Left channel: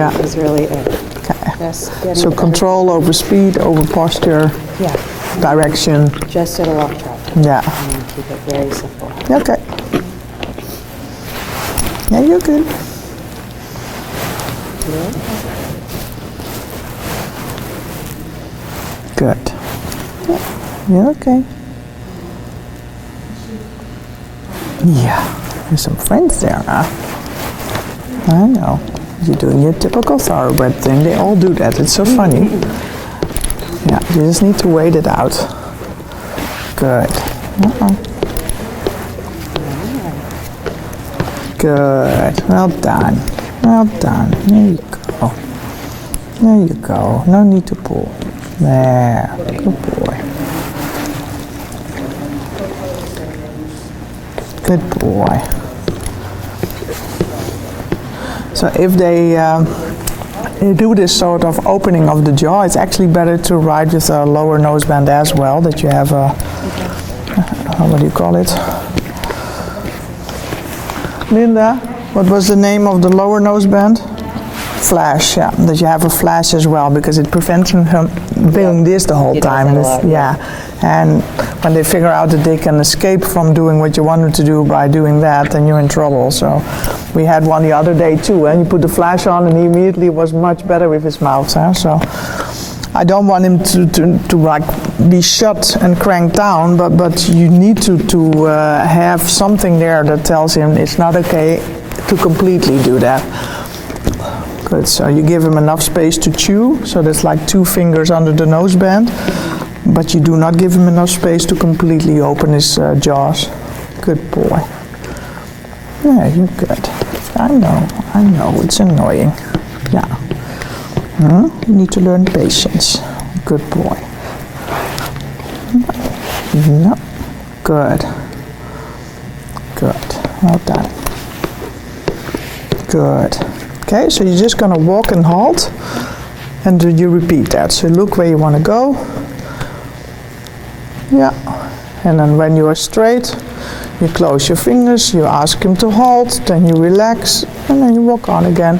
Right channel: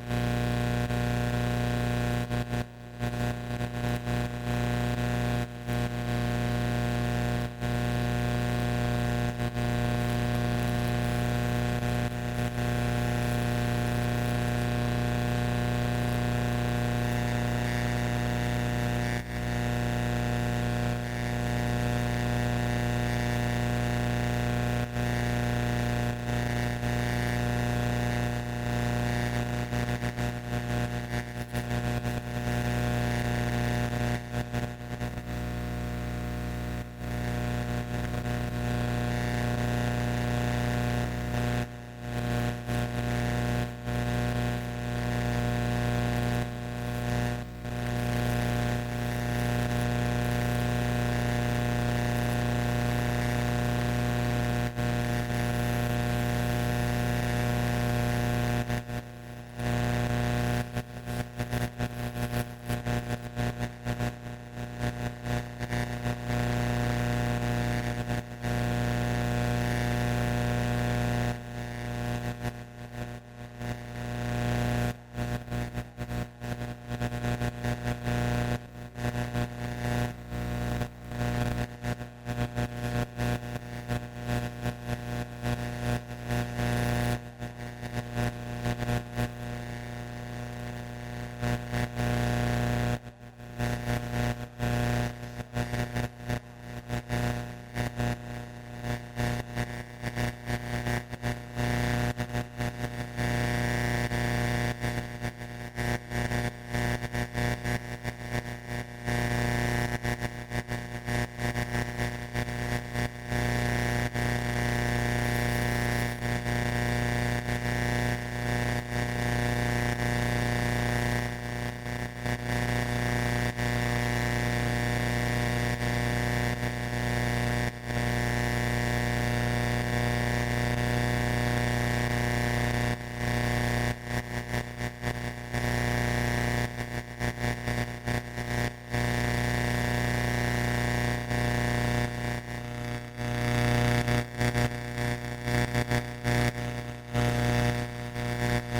Yeah. is really it. Okay. Just getting So control over speed, over posture, Yeah, direction. just sort of off track. Yeah. And keep it very simple. Okay. Yeah, you're good. Good. Yeah, you're okay. Yeah, there's some friends there now. I know. You're doing your typical thoroughbred thing. They all do that. It's so funny. Yeah, you just need to wait it out. Good. Uh-oh. Good. Well done. Well done. There you go. There you go. No need to pull. There. Good boy. Good boy. So if they do this sort of opening of the jaw, it's actually better to ride with a lower nose band as well, that you have a, what do you call it? Linda, what was the name of the lower nose band? Flash, yeah, that you have a flash as well, because it prevents him from doing this the whole time. Yeah, and when they figure out that they can escape from doing what you want them to do by doing that, then you're in trouble. So we had one the other day too, and you put the flash on and he immediately was much better with his mouth. So I don't want him to like be shut and cranked down, but you need to have something there that tells him it's not okay to completely do that. Good, so you give him enough space to chew, so that's like 2 fingers under the nose band, but you do not give him enough space to completely open his jaws. Good boy. Yeah, you're good. I know, it's annoying. Yeah. You need to learn patience. Good boy. No. Good. Good. Well done. Good. Okay, so you're just going to walk and halt, and you repeat that. So look where you want to go. Yeah. And then when you are straight, you close your fingers, you ask him to halt, then you relax, and then you walk on again.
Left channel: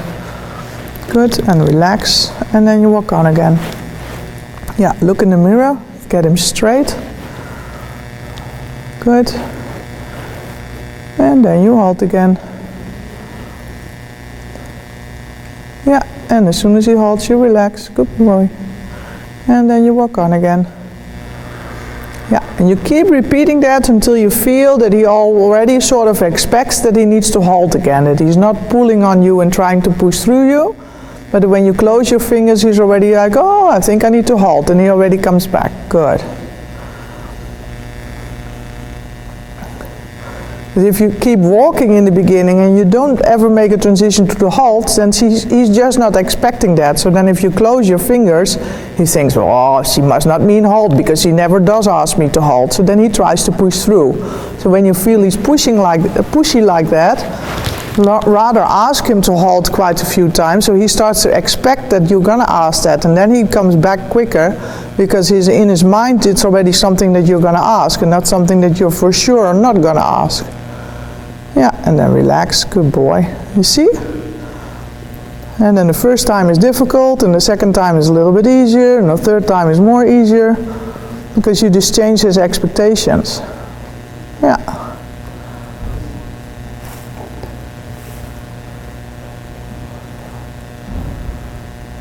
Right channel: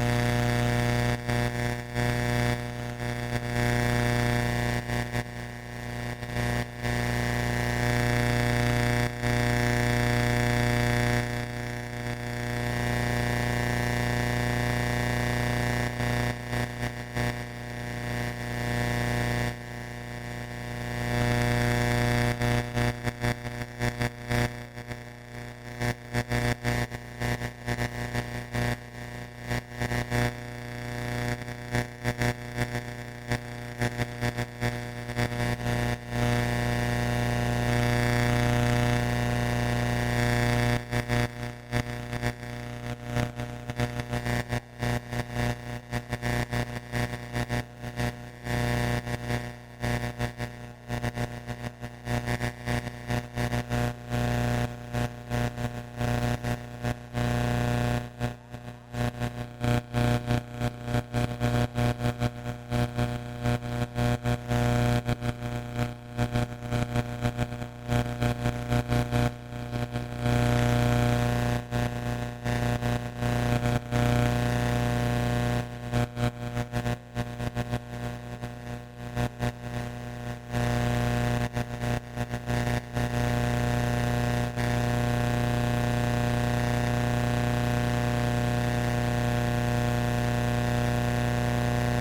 Good, and relax, and then you walk on again. Yeah, look in the mirror, get him straight. Good. And then you halt again. Yeah, and as soon as he halts, you relax. Good boy. And then you walk on again. Yeah, and you keep repeating that until you feel that he already sort of expects that he needs to halt again, that he's not pulling on you and trying to push through you, but when you close your fingers, he's already like, oh, I think I need to halt, and he already comes back. Good. But if you keep walking in the beginning and you don't ever make a transition to the halt, then he's just not expecting that. So then if you close your fingers, he thinks, well, oh, she must not mean halt because she never does ask me to halt. So then he tries to push through. So when you feel he's pushy like that, rather ask him to halt quite a few times, so he starts to expect that you're gonna ask that, and then he comes back quicker because in his mind it's already something that you're gonna ask and not something that you're for sure not gonna ask. Yeah, and then relax, good boy. You see? And then the first time is difficult, and the second time is a little bit easier, and the third time is more easier, because you just change his expectations. Yeah.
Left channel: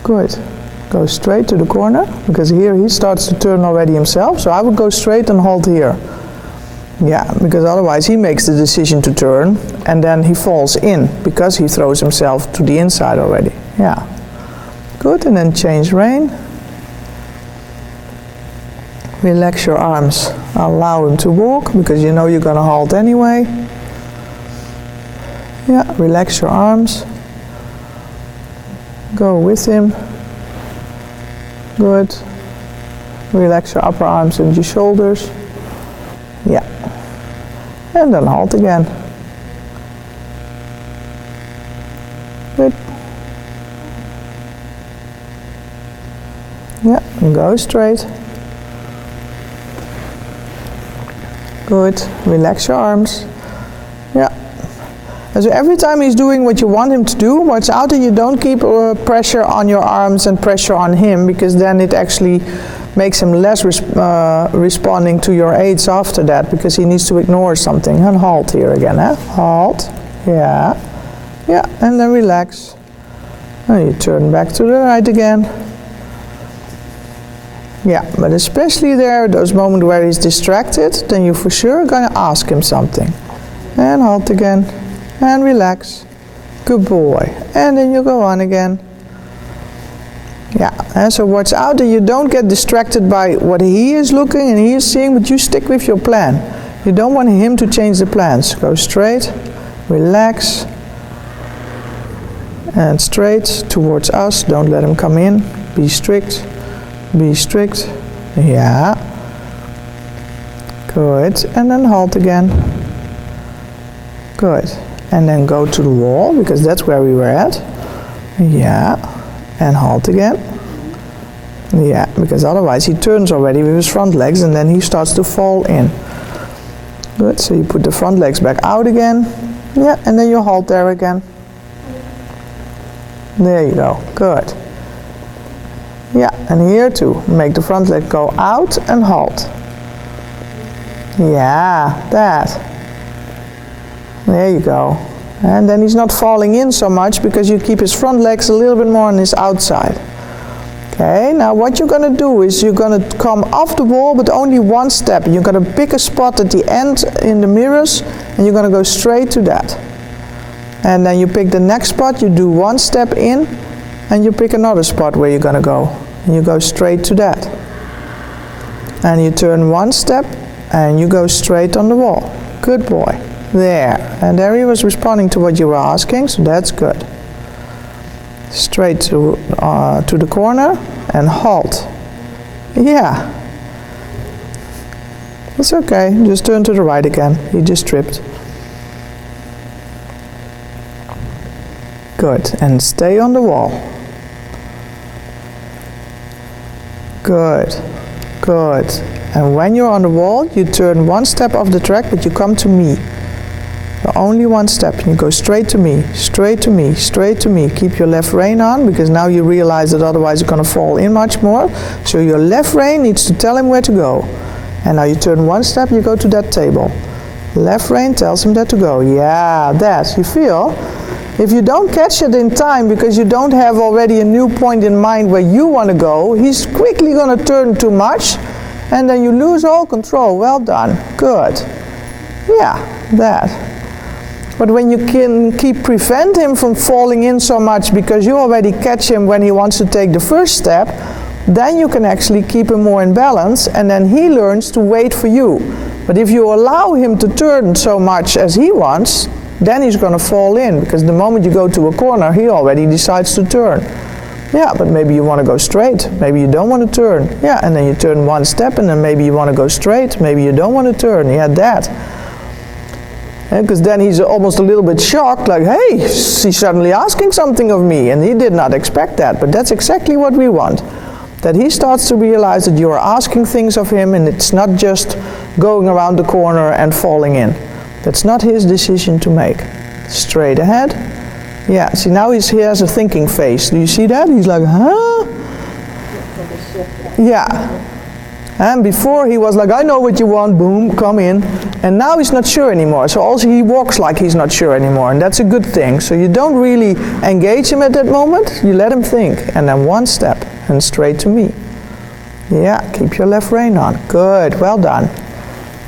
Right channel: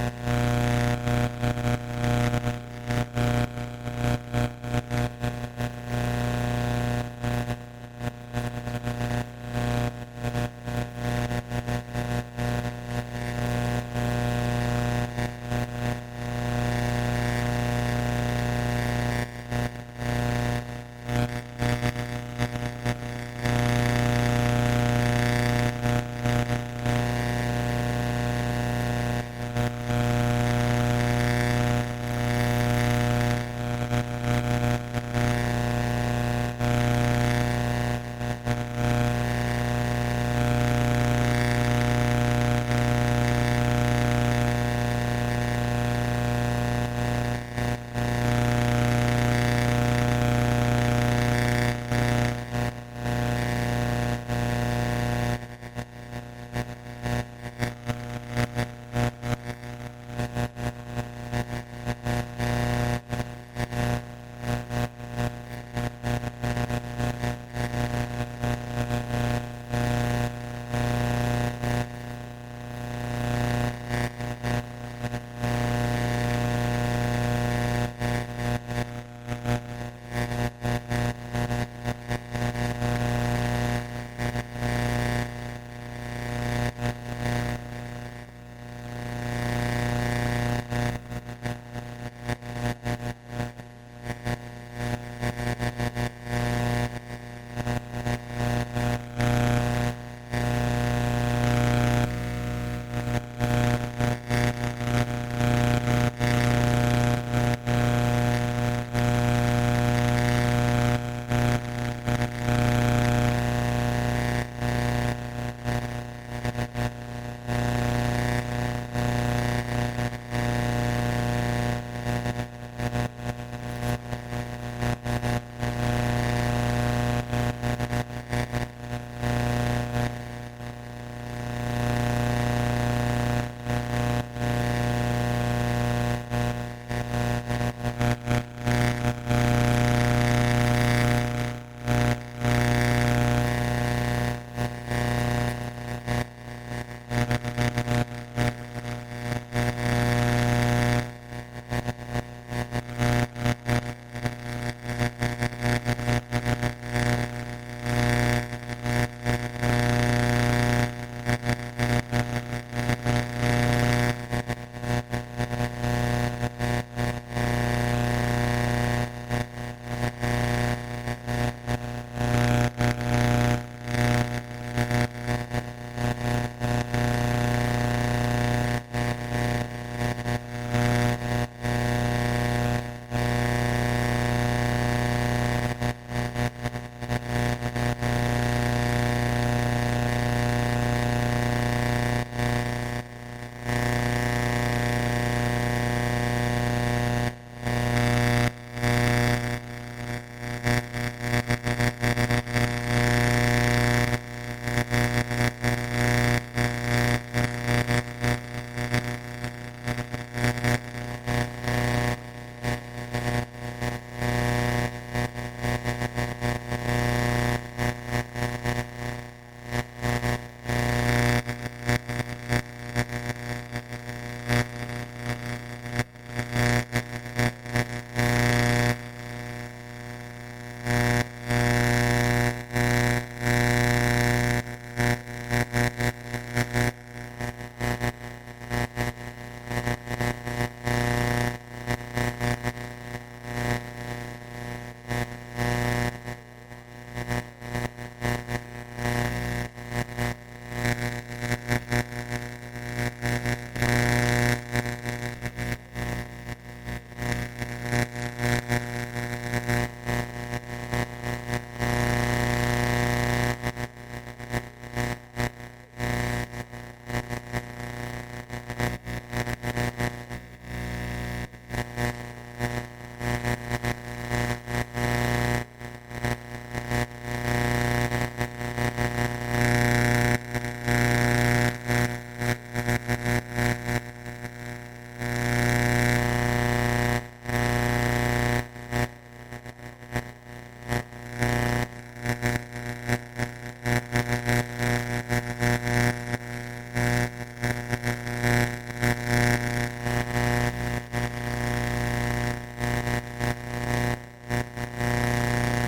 Good. Go straight to the corner, because here he starts to turn already himself, so I would go straight and halt here. Yeah, because otherwise he makes the decision to turn, and then he falls in, because he throws himself to the inside already. Yeah. Good, and then change rein. Relax your arms. Allow him to walk, because you know you're going to halt anyway. Yeah, relax your arms. Go with him. Good. Relax your upper arms and your shoulders. Yeah. And then halt again. Good. Yeah, and go straight. Good. Relax your arms. Yeah. And so every time he's doing what you want him to do, watch out that you don't keep pressure on your arms and pressure on him, because then it actually makes him less responding to your aids after that, because he needs to ignore something. And halt here again, halt, yeah, and then relax. And you turn back to the right again. Yeah, but especially there, those moments where he's distracted, then you for sure gonna ask him something. And halt again, and relax. Good boy. And then you go on again. Yeah, and so watch out that you don't get distracted by what he is looking and he is seeing, but you stick with your plan. You don't want him to change the plans. Go straight, relax, and straight towards us. Don't let him come in. Be strict. Be strict. Yeah. Good. And then halt again. Good. And then go to the wall, because that's where we were at. Yeah. And halt again. Yeah, because otherwise he turns already with his front legs and then he starts to fall in. Good. So you put the front legs back out again. Yeah. And then you halt there again. There you go. Good. Yeah, and here too, make the front leg go out and halt. Yeah, that. There you go. And then he's not falling in so much because you keep his front legs a little bit more on his outside. Okay, now what you're going to do is you're going to come off the wall, but only one step. You're going to pick a spot at the end in the mirrors and you're going to go straight to that. And then you pick the next spot, you do one step in, and you pick another spot where you're going to go. And you go straight to that. And you turn one step and you go straight on the wall. Good boy. There. And there he was responding to what you were asking, so that's good. Straight to the corner and halt. Yeah. It's okay. Just turn to the right again. You just tripped. Good. And stay on the wall. Good, good. And when you're on the wall, you turn one step off the track, but you come to me. So only one step. You go straight to me, straight to me, straight to me. Keep your left rein on, because now you realize that otherwise you're going to fall in much more. So your left rein needs to tell him where to go. And now you turn one step, you go to that table. Left rein tells him that to go. Yeah, that. You feel? If you don't catch it in time because you don't have already a new point in mind where you want to go, he's quickly going to turn too much and then you lose all control. Well done. Good. Yeah, that. But when you can prevent him from falling in so much because you already catch him when he wants to take the first step, then you can actually keep him more in balance and then he learns to wait for you. But if you allow him to turn so much as he wants, then he's going to fall in, because the moment you go to a corner, he already decides to turn. Yeah, but maybe you want to go straight. Maybe you don't want to turn. Yeah, and then you turn one step, and then maybe you want to go straight. Maybe you don't want to turn. Yeah, that. Because then he's almost a little bit shocked, like, hey, he's suddenly asking something of me, and he did not expect that. But that's exactly what we want. That he starts to realize that you are asking things of him, and it's not just going around the corner and falling in. That's not his decision to make. Straight ahead. Yeah, see now he has a thinking face. Do you see that? He's like, huh? Yeah. And before he was like, I know what you want, boom, come in. And now he's not sure anymore. So also he walks like he's not sure anymore. And that's a good thing. So you don't really engage him at that moment. You let him think. And then one step and straight to me. Yeah, keep your left rein on. Good, well done.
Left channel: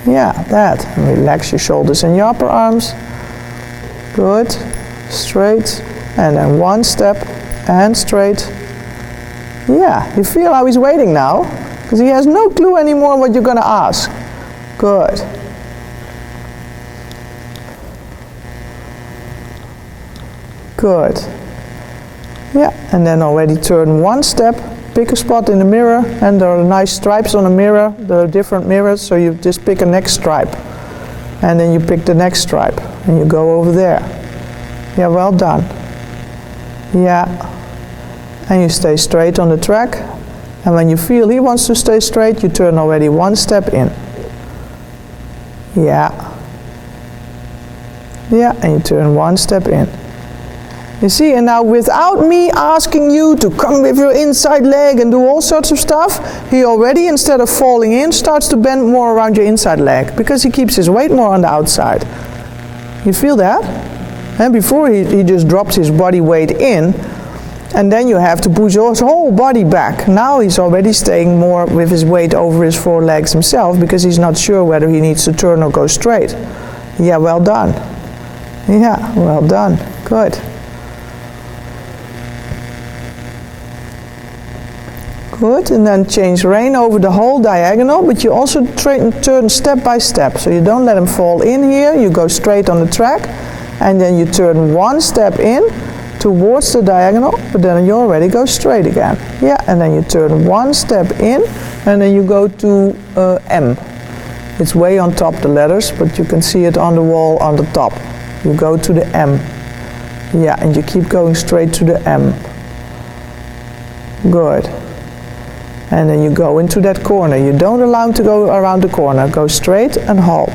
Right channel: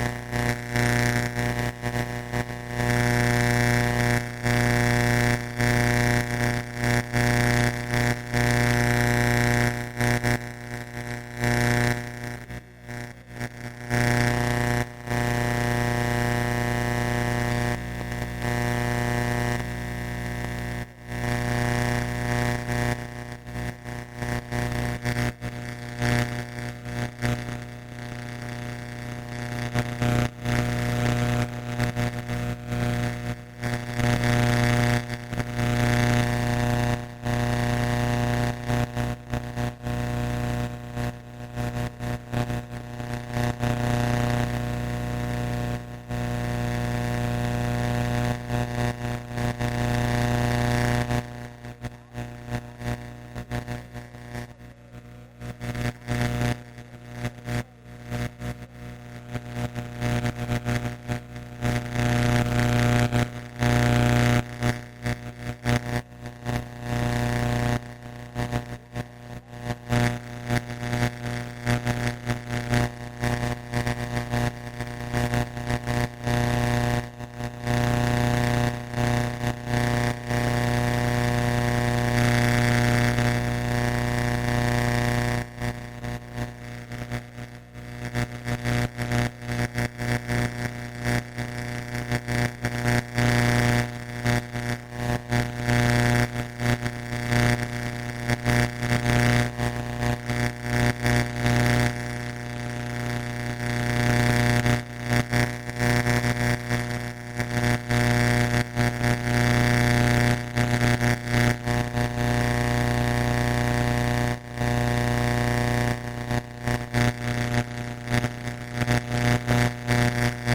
Yeah, that. And relax your shoulders and your upper arms. Good. Straight. And then one step and straight. Yeah, you feel how he's waiting now? Because he has no clue anymore what you're going to ask. Good. Good. Yeah, and then already turn one step. Pick a spot in the mirror, and there are nice stripes on the mirror. There are different mirrors, so you just pick a next stripe. And then you pick the next stripe, and you go over there. Yeah, well done. Yeah. And you stay straight on the track. And when you feel he wants to stay straight, you turn already one step in. Yeah. Yeah, and you turn one step in. You see, and now without me asking you to come with your inside leg and do all sorts of stuff, he already, instead of falling in, starts to bend more around your inside leg because he keeps his weight more on the outside. You feel that? And before he just drops his body weight in, and then you have to push his whole body back. Now he's already staying more with his weight over his forelegs himself because he's not sure whether he needs to turn or go straight. Yeah, well done. Yeah, well done. Good. Good, and then change rein over the whole diagonal, but you also turn step by step. So you don't let him fall in here, you go straight on the track, and then you turn one step in towards the diagonal, but then you already go straight again. Yeah, and then you turn one step in, and then you go to M. It's way on top, the letters, but you can see it on the wall on the top. You go to the M. Yeah, and you keep going straight to the M. Good. And then you go into that corner. You don't allow him to go around the corner. Go straight and halt.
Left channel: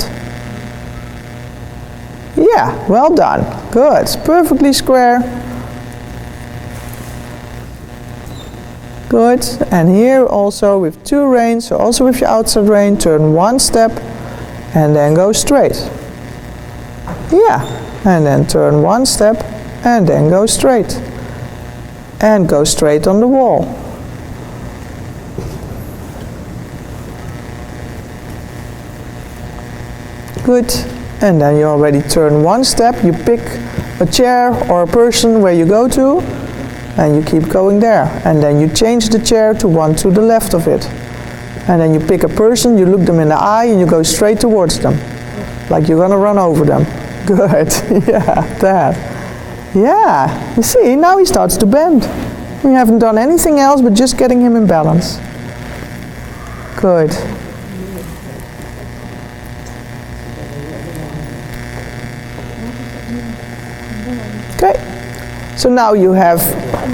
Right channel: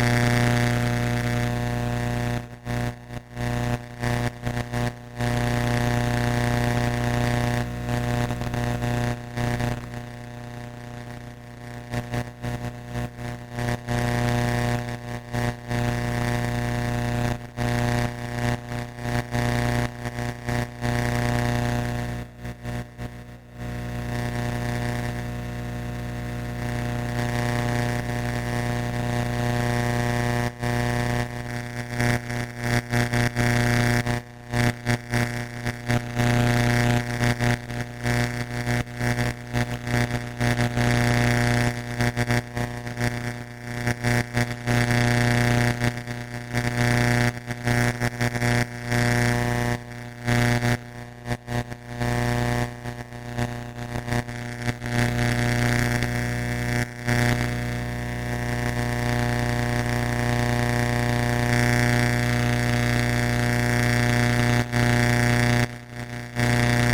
Yeah, well done. Good. Perfectly square. Good. And here also with two reins, so also with your outside rein, turn one step and then go straight. Yeah. And then turn one step and then go straight. And go straight on the wall. Good, and then you already turn one step, you pick a chair or a person where you go to, and you keep going there. And then you change the chair to one to the left of it. And then you pick a person, you look them in the eye, and you go straight towards them, like you're gonna run over them. Good, yeah, that. Yeah, you see, now he starts to bend. You haven't done anything else but just getting him in balance. Good. Okay, so now you have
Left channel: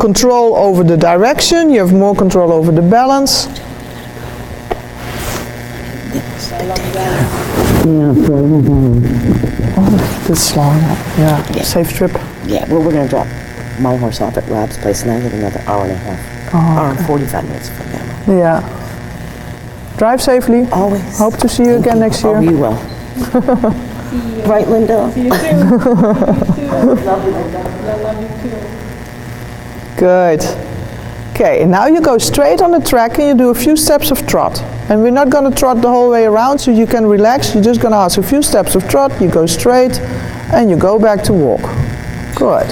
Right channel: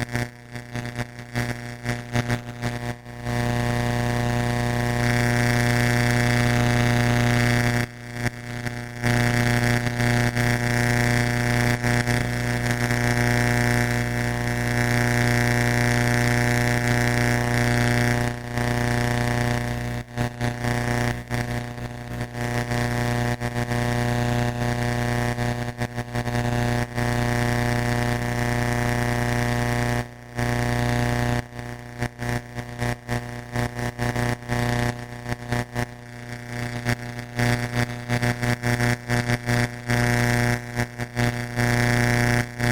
control over the direction, you have more control over the balance. Oh, this long, yeah, safe trip. Yeah, well, we're going to drop my horse off at Rob's place now. We're another hour and a half. 45 minutes. Yeah. Drive safely. Always. Hope to see you again next year. Oh, you will. Right, Linda? Good. Okay, and now you go straight on the track and you do a few steps of trot. And we're not going to trot the whole way around, so you can relax. You're just going to ask a few steps of trot, you go straight, and you go back to walk. Good.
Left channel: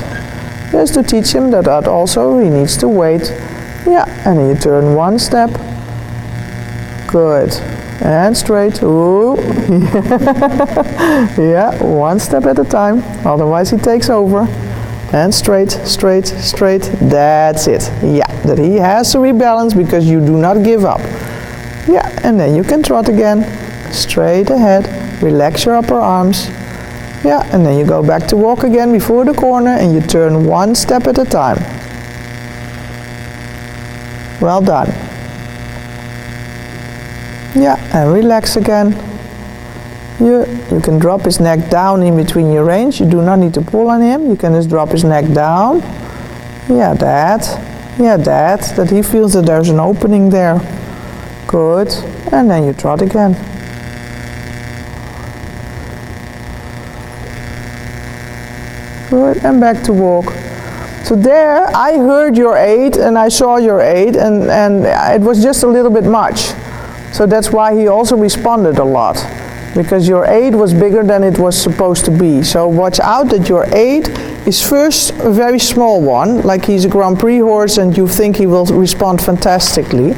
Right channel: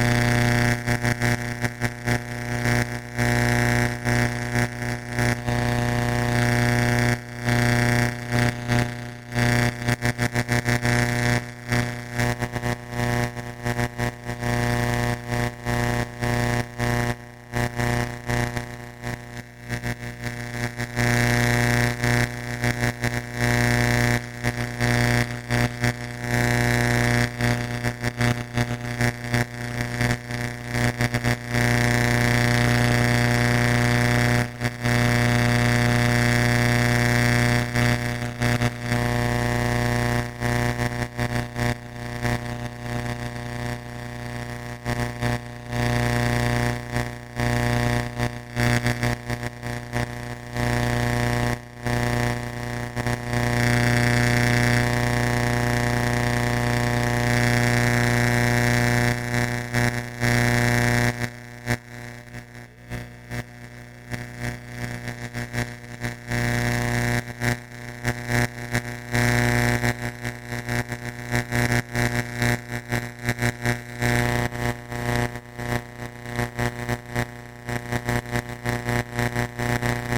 Just to teach him that also he needs to wait. Yeah, and then you turn one step. Good. And straight. Ooh. Yeah, one step at a time, otherwise he takes over. And straight, straight, straight. That's it. Yeah, that he has to rebalance because you do not give up. Yeah, and then you can trot again. Straight ahead. Relax your upper arms. Yeah, and then you go back to walk again before the corner and you turn one step at a time. Well done. Yeah, and relax again. You can drop his neck down in between your reins. You do not need to pull on him. You can just drop his neck down. Yeah, that. Yeah, that he feels that there's an opening there. Good. And then you trot again. Good, and back to walk. So there, I heard your 8 and I saw your 8 and it was just a little bit much. So that's why he also responded a lot. Because your 8 was bigger than it was supposed to be. So watch out that your 8 is first a very small one, like he's a Grand Prix horse and you think he will respond fantastically.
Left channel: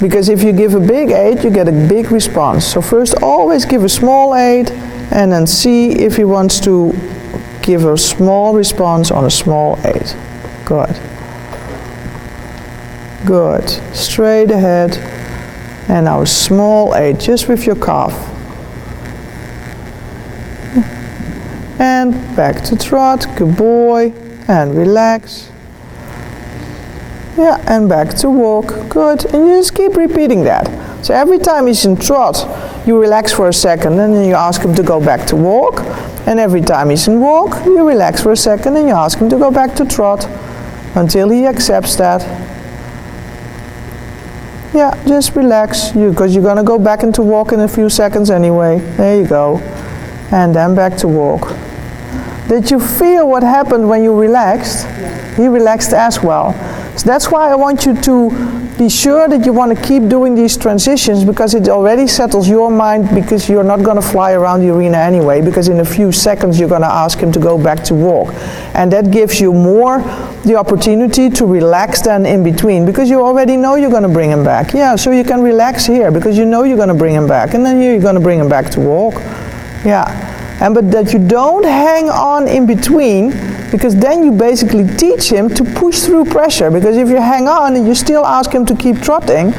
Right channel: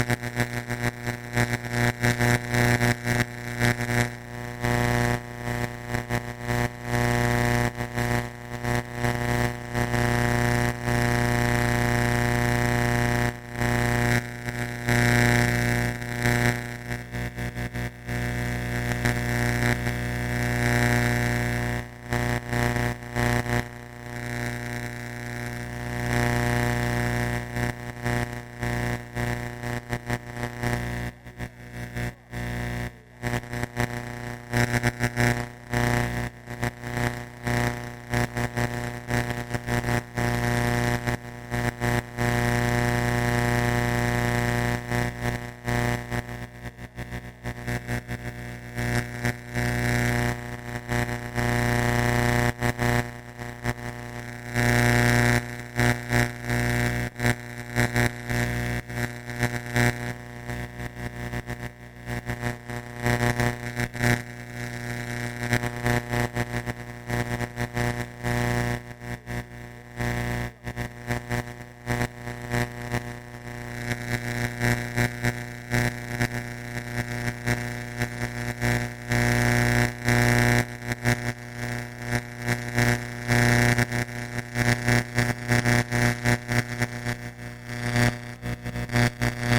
Because if you give a big 8, you get a big response. So first always give a small 8 and then see if he wants to give a small response on a small 8. Good. Good. Straight ahead. And now a small 8, just with your calf. And back to trot, good boy, and relax. Yeah, and back to walk, good. And you just keep repeating that. So every time he's in trot, you relax for a second and then you ask him to go back to walk. And every time he's in walk, you relax for a second and you ask him to go back to trot until he accepts that. Yeah, just relax, because you're going to go back into walk in a few seconds anyway. There you go. And then back to walk. Did you feel what happened when you relaxed? He relaxed as well. So that's why I want you to be sure that you want to keep doing these transitions, because it already settles your mind, because you're not going to fly around the arena anyway, because in a few seconds you're going to ask him to go back to walk. And that gives you more the opportunity to relax than in between, because you already know you're going to bring him back. Yeah, so you can relax here because you know you're going to bring him back, and then you're going to bring him back to walk. Yeah, but that you don't hang on in between, because then you basically teach him to push through pressure, because if you hang on and you still ask him to keep trotting,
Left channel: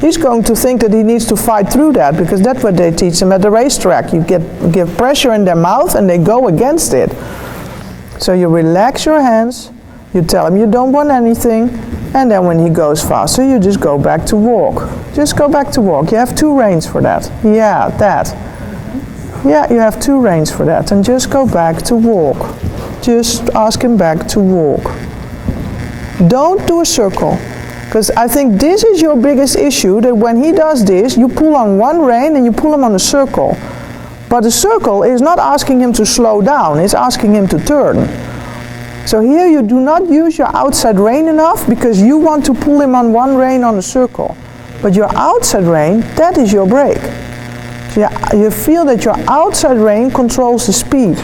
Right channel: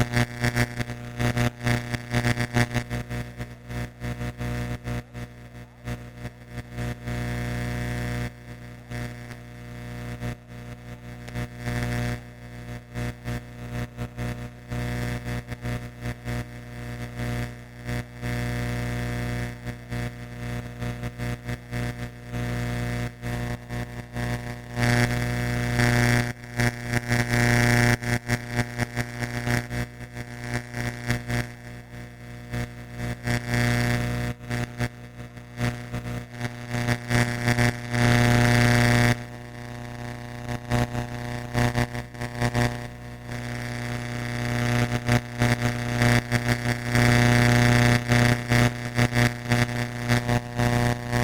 he's going to think that he needs to fight through that, because that's what they teach them at the racetrack. You give pressure in their mouth and they go against it. So you relax your hands, you tell him you don't want anything, and then when he goes faster, you just go back to walk. Just go back to walk. You have 2 reins for that. Yeah, that. Yeah, you have 2 reins for that. And just go back to walk. Just ask him back to walk. Don't do a circle, because I think this is your biggest issue, that when he does this, you pull on one rein and you pull him on a circle. But the circle is not asking him to slow down, it's asking him to turn. So here you do not use your outside rein enough, because you want to pull him on one rein on a circle. But your outside rein, that is your brake. Yeah, you feel that your outside rein controls the speed.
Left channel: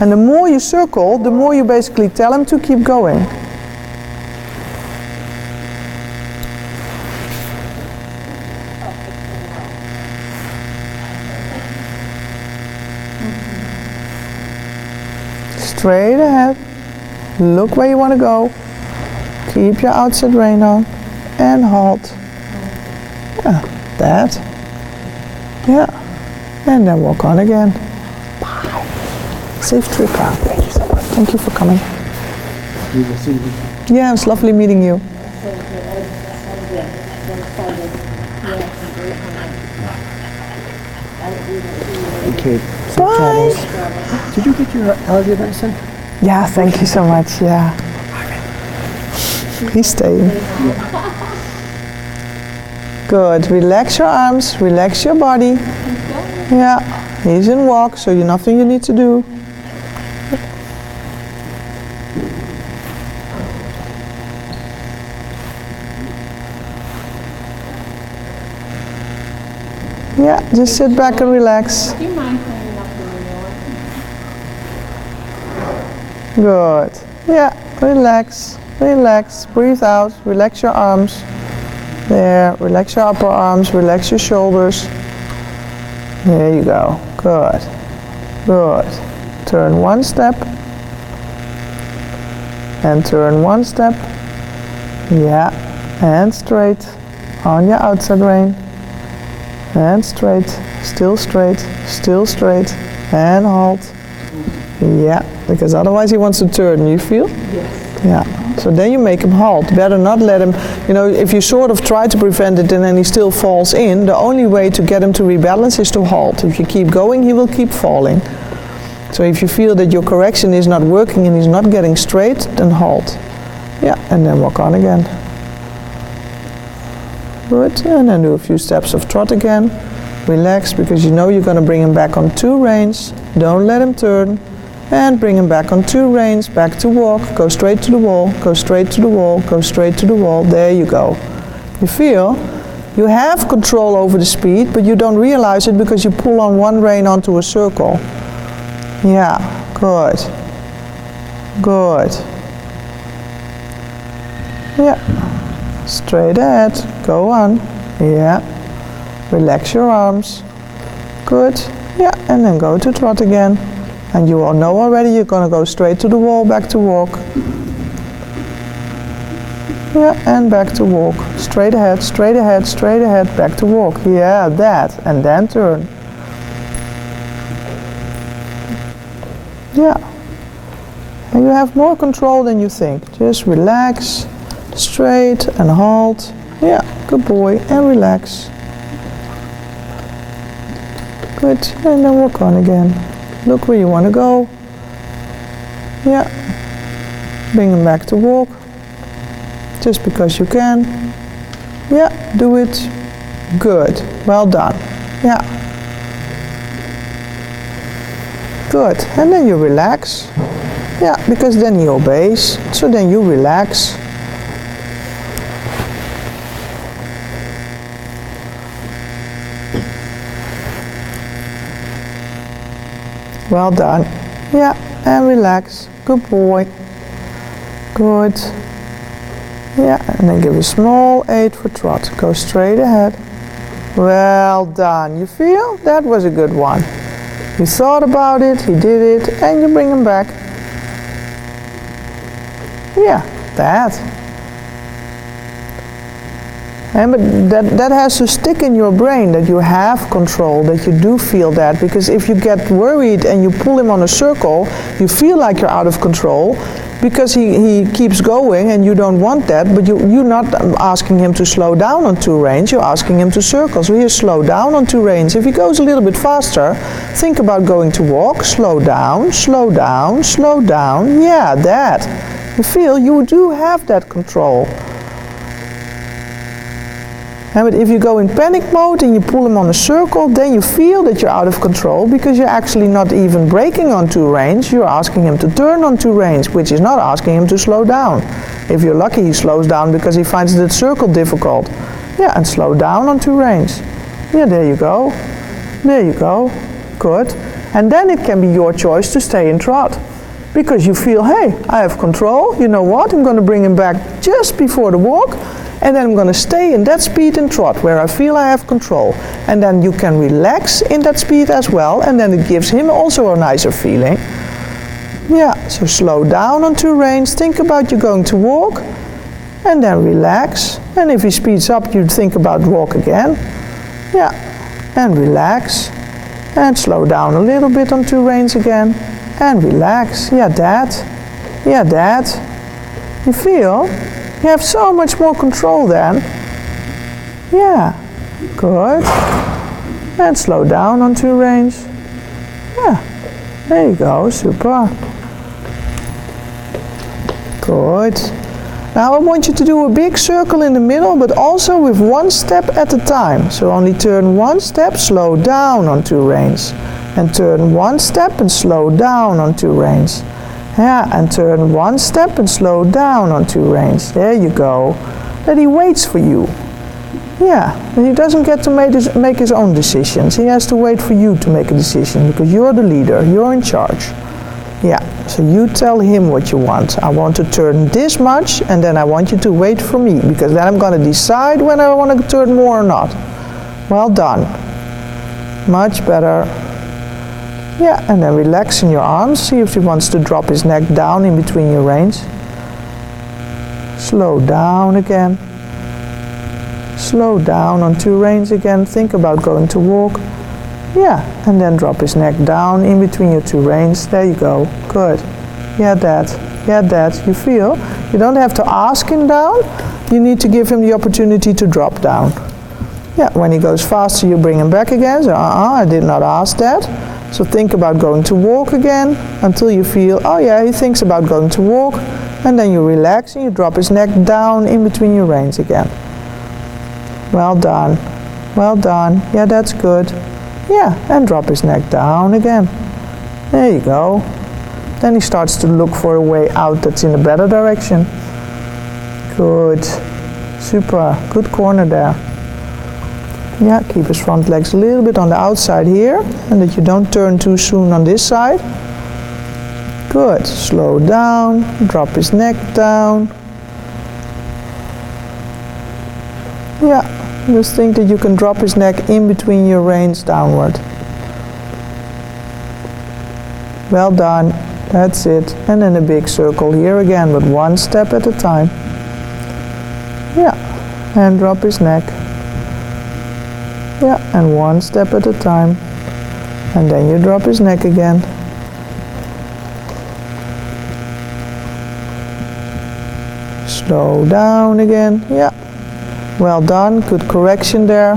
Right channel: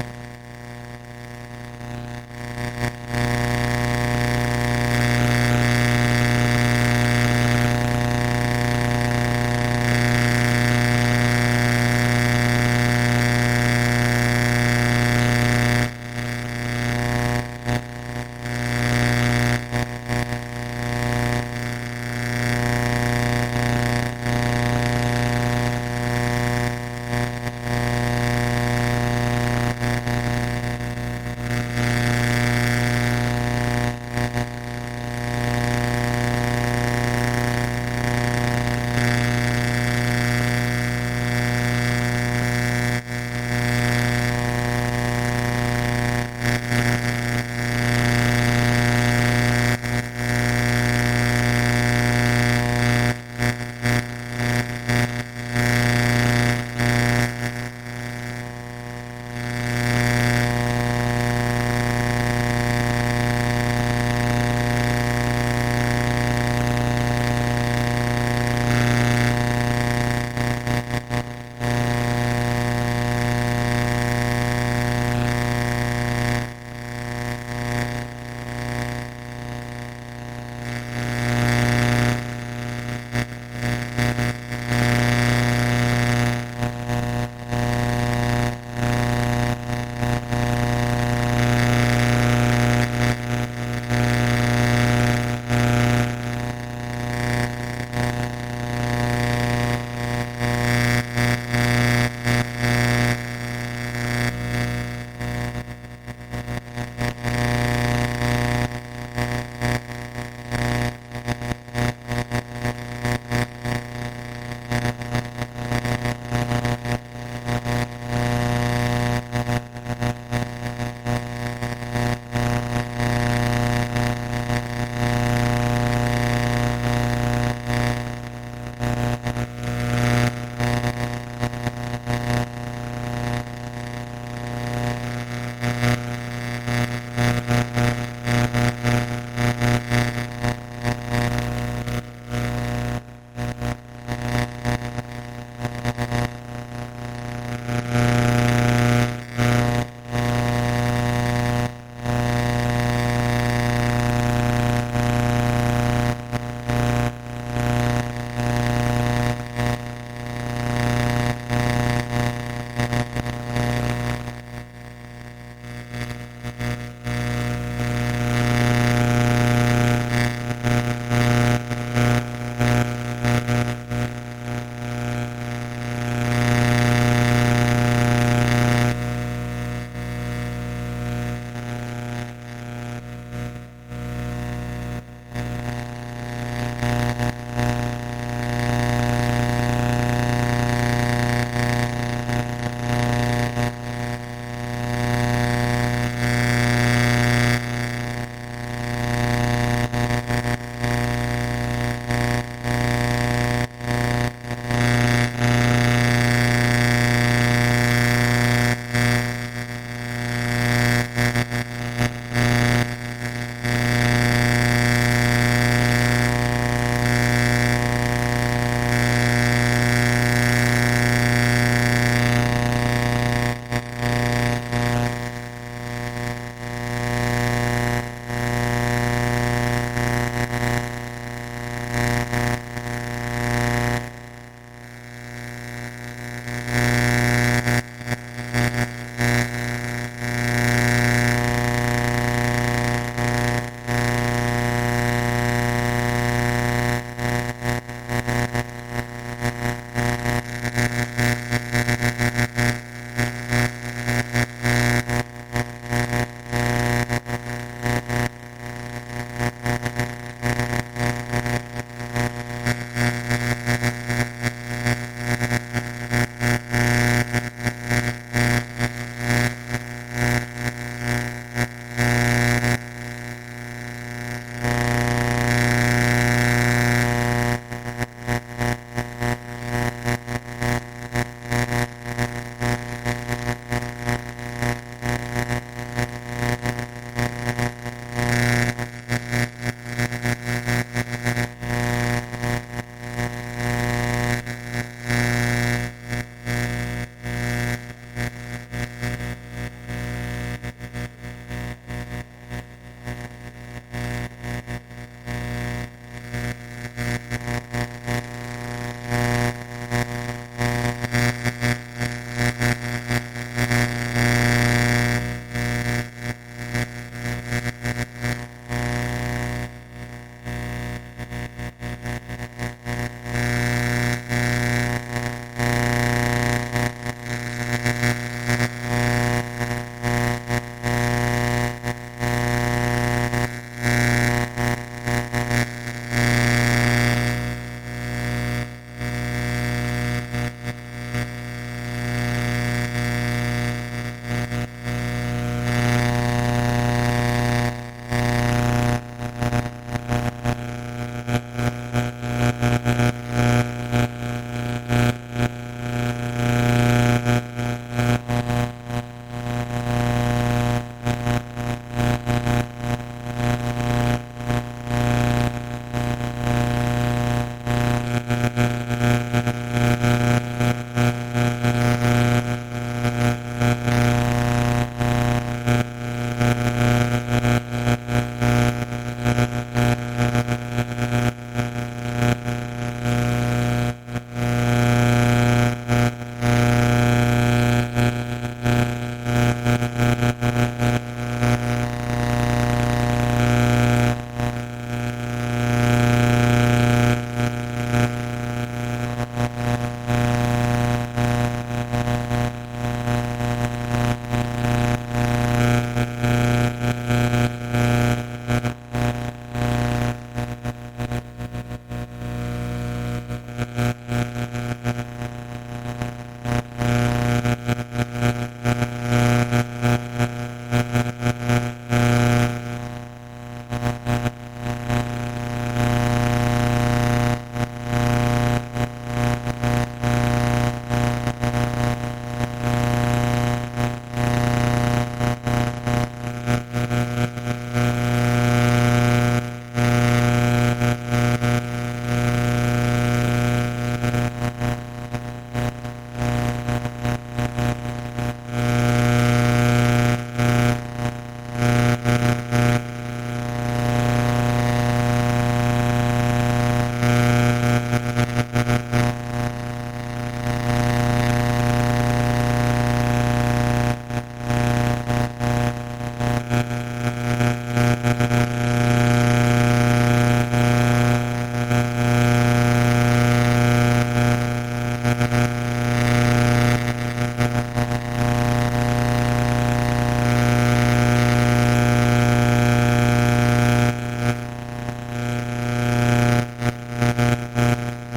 And the more you circle, the more you basically tell him to keep going. Straight ahead. Look where you want to go. Keep your outside rein on. And halt. Yeah, that. Yeah. And then walk on again. Safe trip out. Thank you for coming. Yeah, it was lovely meeting you. Okay. Bye. Did you get your allergy medicine? Yeah, thank you so much. Yeah. He's staying. Good. Relax your arms. Relax your body. Yeah. He's in walk, so you're nothing you need to do. Yeah, just sit back and relax. Good. Yeah, relax, relax, breathe out, relax your arms. There, relax your upper arms, relax your shoulders. There you go. Good. Good. Turn one step. And turn one step. Yeah. And straight. On your outside rein. And straight. Still straight. Still straight. And halt. Yeah. Because otherwise he wants to turn. You feel? Yeah. So then you make him halt. Better not let him, if you sort of try to prevent it and then he still falls in, the only way to get him to rebalance is to halt. If you keep going, he will keep falling. So if you feel that your correction is not working and he's not getting straight, then halt. Yeah, and then walk on again. Good, and then do a few steps of trot again. Relax, because you know you're going to bring him back on 2 reins. Don't let him turn. And bring him back on 2 reins, back to walk, go straight to the wall, go straight to the wall, go straight to the wall. There you go. You feel you have control over the speed, but you don't realize it because you pull on one rein onto a circle. Yeah, good. Good. Yeah. Straight ahead. Go on. Yeah. Relax your arms. Good. Yeah, and then go to trot again. And you all know already you're going to go straight to the wall, back to walk. Yeah, and back to walk. Straight ahead, straight ahead, straight ahead, back to walk. Yeah, that. And then turn. Yeah. And you have more control than you think. Just relax, straight and halt. Yeah, good boy. And relax. Good, and then walk on again. Look where you want to go. Yeah. Bring him back to walk. Just because you can. Yeah, do it. Good. Well done. Yeah. Good. And then you relax. Yeah, because then he obeys. So then you relax. Well done. Yeah, and relax. Good boy. Good. Yeah, and then give a small 8 for trot. Go straight ahead. Well done. You feel? That was a good one. He thought about it, he did it, and you bring him back. Yeah, that. And but that has to stick in your brain, that you have control, that you do feel that. Because if you get worried and you pull him on a circle, you feel like you're out of control because he keeps going and you don't want that, but you're not asking him to slow down on 2 reins, you're asking him to circle. So here, slow down on 2 reins. If he goes a little bit faster, think about going to walk, slow down, slow down, slow down. Yeah, that. You feel you do have that control. But if you go in panic mode and you pull him on a circle, then you feel that you're out of control because you're actually not even braking on 2 reins. You're asking him to turn on 2 reins, which is not asking him to slow down. If you're lucky, he slows down because he finds that circle difficult. Yeah, and slow down on 2 reins. Yeah, there you go. There you go. Good. And then it can be your choice to stay in trot. Because you feel, hey, I have control. You know what? I'm going to bring him back just before the walk. And then I'm going to stay in that speed in trot where I feel I have control. And then you can relax in that speed as well, and then it gives him also a nicer feeling. Yeah, so slow down on 2 reins, think about you going to walk, and then relax. And if he speeds up, you think about walk again. Yeah, and relax. And slow down a little bit on 2 reins again, and relax. Yeah, that. Yeah, that. You feel? You have so much more control then. Yeah, good. And slow down on 2 reins. Yeah, there you go, super. Good. Now I want you to do a big circle in the middle, but also with 1 step at a time. So only turn 1 step, slow down on 2 reins. And turn 1 step and slow down on 2 reins. Yeah, and turn 1 step and slow down on 2 reins. There you go. Then he waits for you. Yeah, and he doesn't get to make his own decisions. He has to wait for you to make a decision because you're the leader, you're in charge. Yeah, so you tell him what you want. I want to turn this much, and then I want you to wait for me because then I'm going to decide whether I want to turn more or not. Well done. Much better. Yeah, and then relax in your arms. See if he wants to drop his neck down in between your reins. Slow down again. Slow down on 2 reins again. Think about going to walk. Yeah, and then drop his neck down in between your 2 reins. There you go. Good. Yeah, that. Yeah, that. You feel? You don't have to ask him down. You need to give him the opportunity to drop down. Yeah, when he goes faster, you bring him back again. So, I did not ask that. So think about going to walk again until you feel, oh yeah, he thinks about going to walk. And then you relax and you drop his neck down in between your reins again. Well done. Well done. Yeah, that's good. Yeah, and drop his neck down again. There you go. Then he starts to look for a way out that's in a better direction. Good. Super. Good corner there. Yeah, keep his front legs a little bit on the outside here, and that you don't turn too soon on this side. Good. Slow down, drop his neck down. Yeah, just think that you can drop his neck in between your reins downward. Well done. That's it. And then a big circle here again, but 1 step at a time. Yeah, and drop his neck. Yeah, and 1 step at a time. And then you drop his neck again. Slow down again. Yeah. Well done. Good correction there.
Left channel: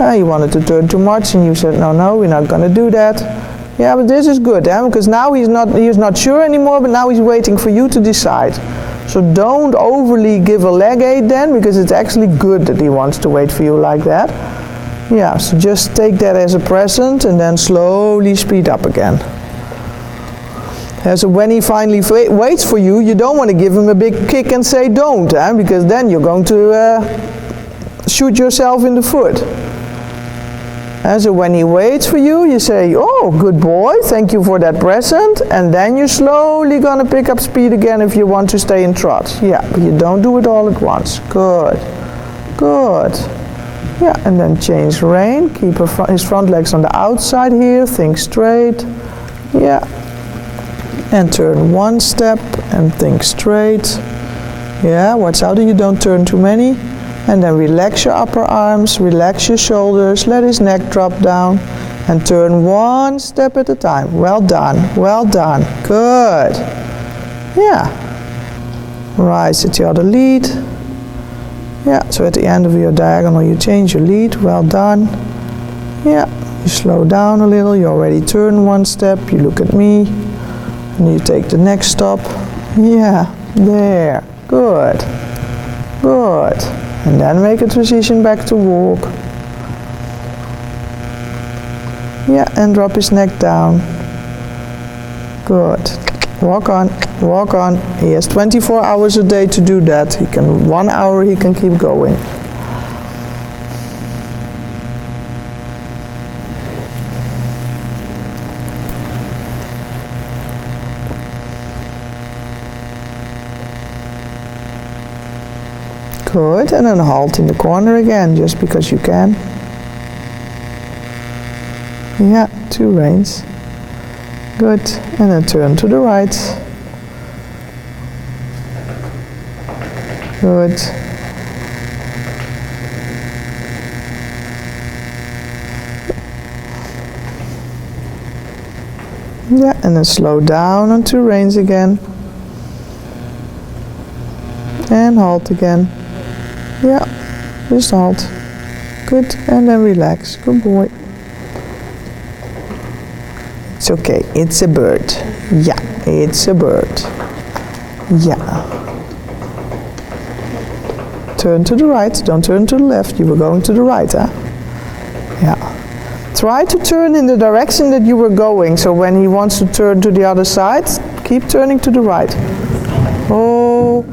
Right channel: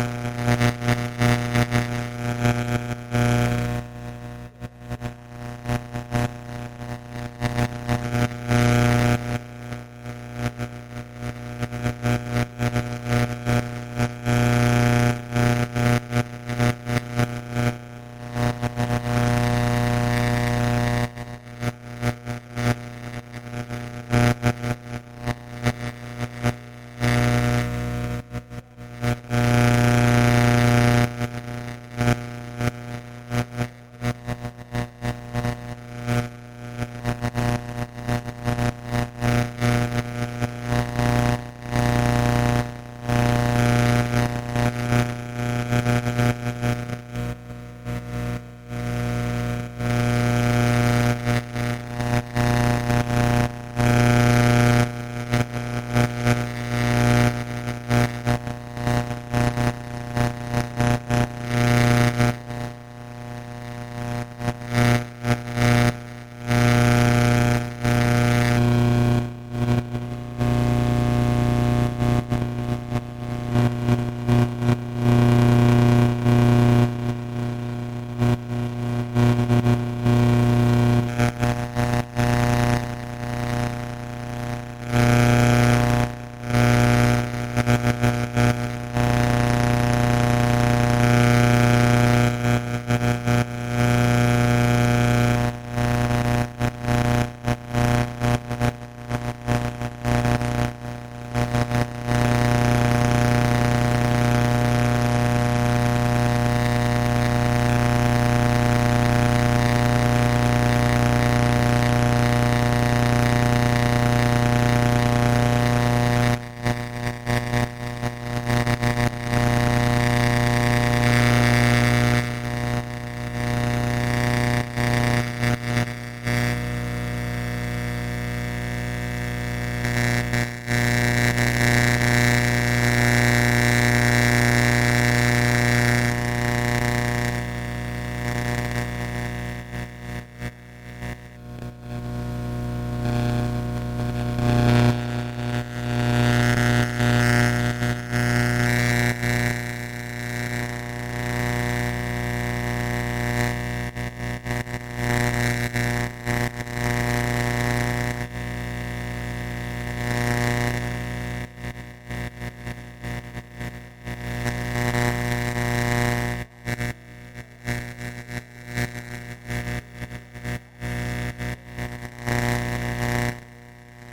You wanted to turn too much and you said, no, we're not going to do that. Yeah, but this is good, because now he's not sure anymore, but now he's waiting for you to decide. So don't overly give a leg aid then, because it's actually good that he wants to wait for you like that. Yeah, so just take that as a present and then slowly speed up again. So when he finally waits for you, you don't want to give him a big kick and say don't, because then you're going to shoot yourself in the foot. So when he waits for you, you say, oh, good boy, thank you for that present, and then you're slowly going to pick up speed again if you want to stay in trot. Yeah, but you don't do it all at once. Good, good. Yeah, and then change rein, keep his front legs on the outside here, think straight. Yeah, and turn one step and think straight. Yeah, watch out that you don't turn too many. And then relax your upper arms, relax your shoulders, let his neck drop down, and turn one step at a time. Well done, good. Yeah. Rise at the other lead. Yeah, so at the end of your diagonal you change your lead, well done. Yeah, you slow down a little, you already turn one step, you look at me, and you take the next stop. Yeah, there, good. Good. And then make a transition back to walk. Yeah, and drop his neck down. Good. Walk on, walk on. He has 24 hours a day to do that. 1 hour he can keep going. Good, and then halt in the corner again, just because you can. Yeah, 2 reins. Good, and then turn to the right. Good. Yeah, and then slow down on 2 reins again. And halt again. Yeah, just halt. Good, and then relax. Good boy. It's okay, it's a bird. Yeah, it's a bird. Yeah. Turn to the right, don't turn to the left. You were going to the right, huh? Yeah. Try to turn in the direction that you were going, so when he wants to turn to the other side, keep turning to the right. Oh.